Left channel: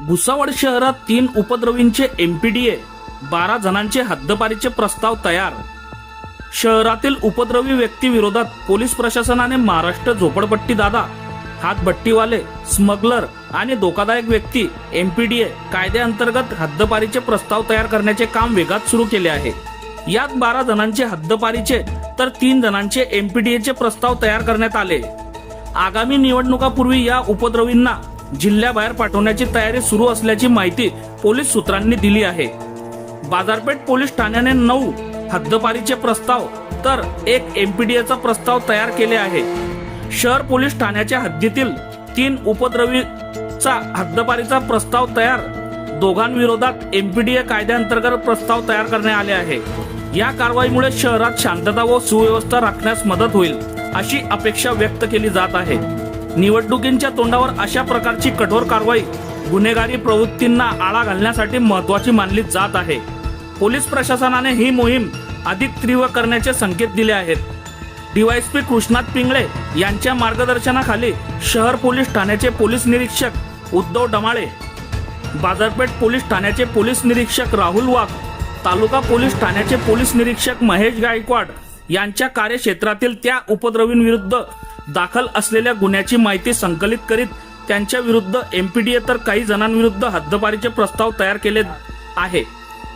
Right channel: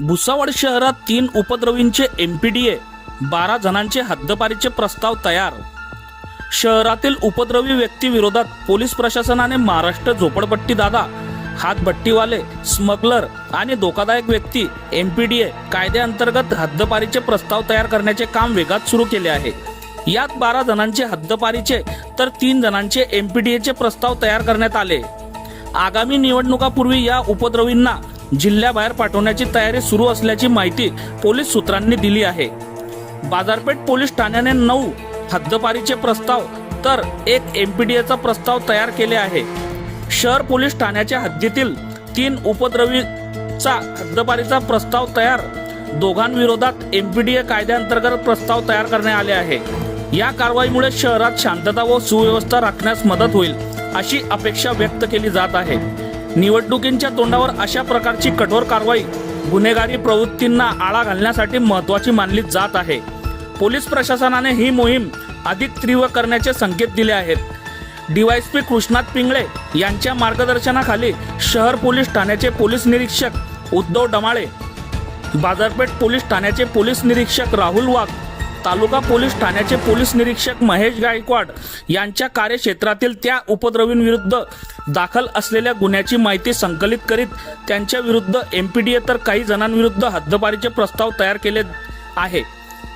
भुसावळ शहरात तीन उपद्रवींचे एमपीडीए बारा जणांचे हद्दपारीचे प्रस्ताव तयार. शहरातील उपद्रवी व्यक्ती विरोधात पोलीस प्रशासनाने महाराष्ट्र झोपडपट्टी दादा हातभट्टीवाले स्मगलर आणि धोकादायक व्यक्ती एमपीडीए कायद्याअंतर्गत हद्दपारीचे प्रस्ताव तयार करण्याचे काम वेगात सुरू केले आहे. यात बारा जणांचे हद्दपारीचे तर तीन जणांचे एमपीडीएचे प्रस्ताव तयार करण्यात आले. आगामी निवडणुकापूर्वी या उपद्रवींना जिल्ह्याबाहेर पाठवण्याची तयारी सुरू असल्याची माहिती पोलीस सूत्रांनी दिली आहे. बाजारपेठ पोलीस ठाण्याने नऊ हद्दपारीचे प्रस्ताव तर एक एमपीडीएचा प्रस्ताव तयार केले आहे. शहर पोलीस ठाण्याच्या हद्दीतील तीन उपद्रवीचा हद्दपारीचा प्रस्ताव तयार दोघांविरोधात एमपीडीए कायद्याअंतर्गत प्रस्ताव तयार करण्यात आले आहे. या कारवाईमुळे शहरात शांतता व सुव्यवस्था राखण्यास मदत होईल अशी अपेक्षा व्यक्त केली जात आहे. निवडणुकींच्या तोंडावर अशा प्रकारची कठोर कारवाई गुन्हेगारी प्रवृत्तींना आळा घालण्यासाठी महत्वाची मानली जात आहे. पोलीस प्रशासनाने ही मोहीम अधिक तीव्र करण्याचे संकेत दिले आहेत. डीवायसपी कृष्णात पिंगळे यांच्या मार्गदर्शनाखाली शहर पोलीस ठाण्याचे पोलीस निरीक्षक उद्धव डमाळे बाजारपेठ पोलीस ठाण्याचे पोलीस निरीक्षक राहुल वाघ तालुका पोलीस ठाण्याचे पोलीस निरीक्षक महेश गायकवाड यांच्या कार्यक्षेत्रातील त्या उपद्रवींविरुद्ध दाखल असलेल्या गुन्ह्याची माहिती संकलित करीत त्यांच्या विरुद्ध एमपीडीए तर काही जणांविरुद्ध हद्दपारीचे प्रस्ताव तयार केले आहे.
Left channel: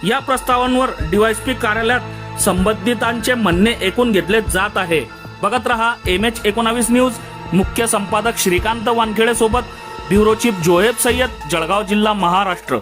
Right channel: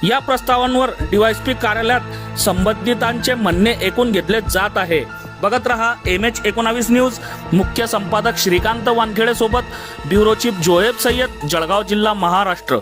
या प्रस्तावांवर डीवायसपी कार्यालयात संबंधितांचे म्हणणे ऐकून घेतले जात आहे. बघत रहा एम एच एकोणावीस न्यूज. मुख्य संपादक श्रीकांत वानखेडे सोबत ब्युरो चीफ जोहेब सय्यद जळगाव जिल्हा महाराष्ट्र.